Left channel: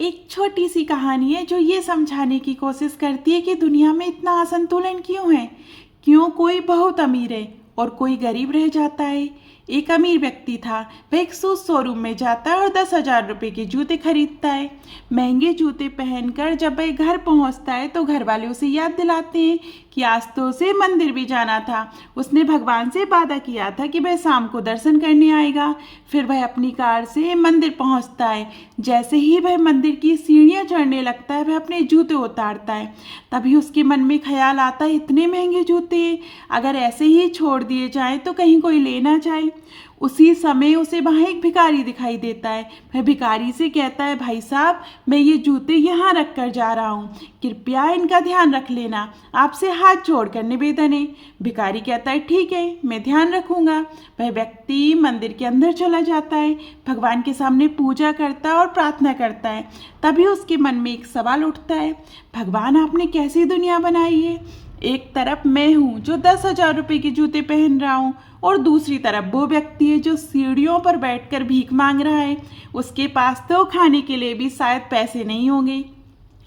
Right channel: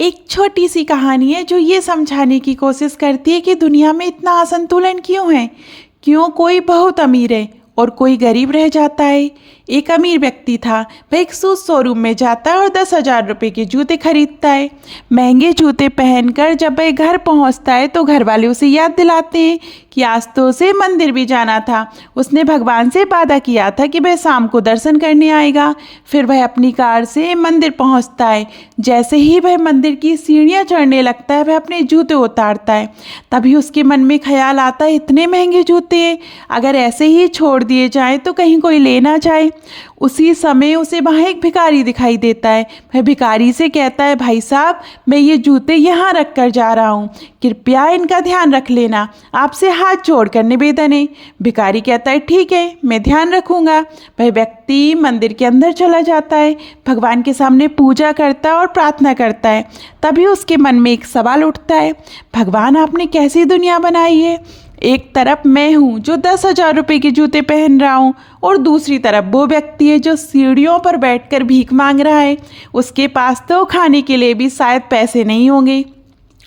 एक छोटी सी कहानी है जो ये समझाने की कोशिश करती है कि दुनिया में इतना असंतुलन क्यों है। क्यों कोई बहुत अमीर है और कोई गरीब रह जाता है। एक अमीर व्यक्ति था, वह एक शूज शोरूम में जाता है और 10,000 रुपये के जूते खरीदता है। महंगे जूते पहनकर जब वह घर पहुंचता है तो घर वाले उसे याद दिलाते हैं कि आज तो उसे मंदिर भी जाना था। उसने भगवान से वादा किया था कि वह शाम को दर्शन करने आएगा। फिर वह अपनी कार से मंदिर पहुंचता है। जैसे ही वह मंदिर की सीढ़ियां चढ़ने लगता है, वह अपने जूते उतारता है। तभी उसके मन में ख्याल आता है, इतने महंगे जूते अगर ऐसे ही छोड़ दिए जाएं तो कहीं कोई ले ना जाए। उसी समय उसे वहाँ एक भिखारी दिखाई देता है। वह भिखारी से कहता है, भाई साहब, मैं ये जूते यहाँ रख कर जा रहा हूँ, कृपया इनका ध्यान रख लेना, आपसे हाथ जोड़कर निवेदन है। भिखारी कहता है, ठीक है, मैं ध्यान रखूँगा। वह व्यक्ति मंदिर के अंदर चला जाता है, भगवान के सामने पूजा करता है और प्रार्थना करता है। तभी उसके मन में एक सवाल उठता है, भगवान, आपने कैसी दुनिया बनाई है। एक तरफ मैं हूँ जो 10,000 रुपये के जूते पहन रहा हूँ और दूसरी तरफ वो व्यक्ति है जो सीढ़ियों पर बैठकर भीख मांग रहा है। उसके पास तो खाने के लिए भी शायद पैसे नहीं होंगे।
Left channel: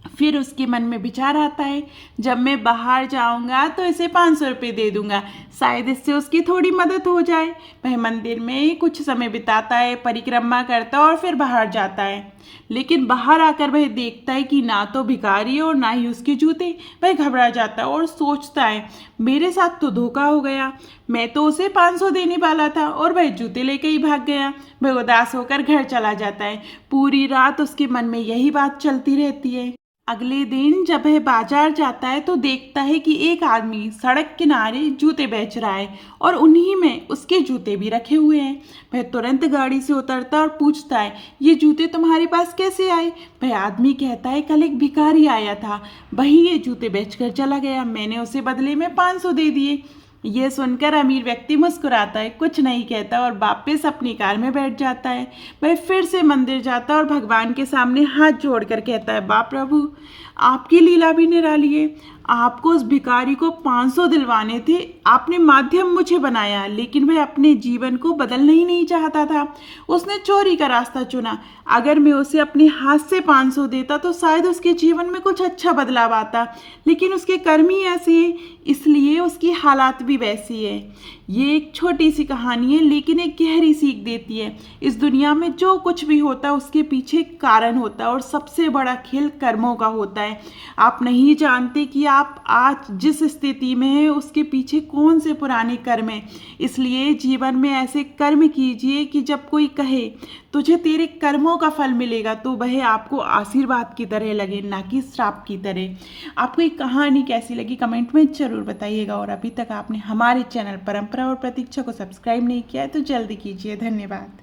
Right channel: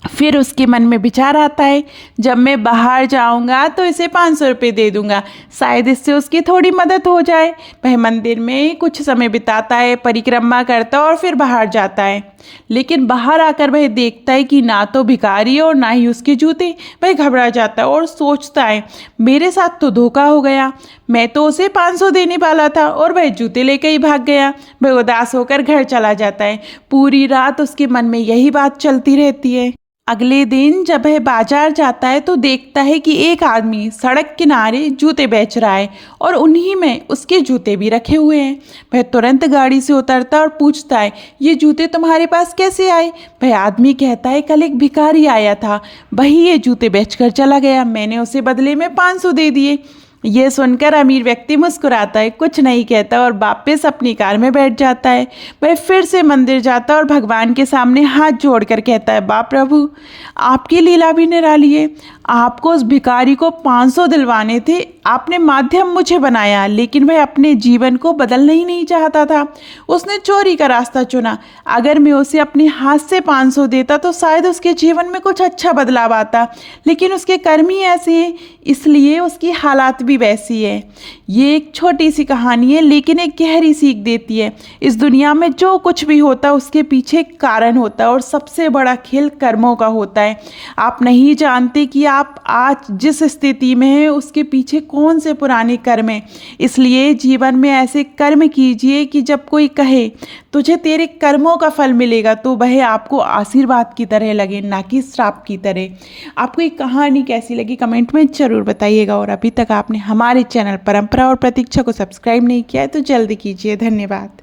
फिर उसके मन में विचार आता है, जब मैं बाहर जाऊंगा तो इसे 500 रुपये दे दूंगा, शायद इससे उसकी थोड़ी मदद हो जाए। वह मंदिर में कुछ समय बिताता है, परिक्रमा करता है और फिर बाहर जाता है। लेकिन बाहर आकर वह देखता है कि ना तो भिखारी और ना ही उसके जूते। वह घबरा जाता है और सोचता है, मेरे साथ तो धोखा हो गया, मैं तो उसे 500 देने वाला था और वह जूते लेकर ही भाग गया। वह उदास होकर घर चला जाता है। पूरी रात उसके मन में यही बात चलती रहती है। अगले दिन जब वह बाजार जाता है तो देखता है कि एक आदमी सड़क किनारे जूते बेच रहा है और उन्हीं में उसके जूते भी रखे हुए हैं। वह तुरंत गाड़ी से उतरता और पूछता है, ये जूते तुम्हारे पास कैसे आए। वह आदमी कहता है, कल एक भिखारी आया था, वही ये जूते बेचकर चला गया, मैंने उसे बदले में 500 दे दिए। ये सुनकर अमीर व्यक्ति मुस्कुराता है, कुछ नहीं कहता और वापस अपनी कार में बैठ जाता है। वह फिर से मंदिर जाता है और भगवान के सामने हाथ जोड़कर कहता है, बाप प्रभु, आपकी लीला भी निराली है। आपको उस भिखारी को 500 दिलवाने थे, आपने माध्यम मुझे बनाया, लेकिन वह अपने जीवन को बदलना ही नहीं चाहता था। उसने चोरी का रास्ता चुना। अगर मैं उसे अपने हाथ से 500 देता तो शायद उसके जीवन में कुछ अच्छा बदलाव आता, लेकिन उसके कर्म ही ऐसे हैं, इसलिए उसकी हालात भी वैसी है। ये एक छोटी सी कहानी है, लेकिन एक गहरी सीख देती है। इस दुनिया में जो कुछ भी होता है उसके पीछे एक कारण होता है और सबसे बड़ा खेल कर्मों का होता है। आप नहीं जानते कि आप आज जिस स्थिति में हैं उसके पीछे कौन से पुराने कर्म हैं। इसलिए जीवन में ऐसे कर्म कीजिए कि जब कोई कहे तुझे तेरे कर्मों का फल मिलेगा तो वह आपको आशीर्वाद की तरह लगे, ना कि श्राप की तरह। आपको ये कहानी कैसी लगी कमेंट में ज़रूर बताइएगा। और अभी तक आपने हमारे चैनल परंपरा और प्रतीक्षा को सब्सक्राइब नहीं किया है तो जल्दी कीजिए। धन्यवाद।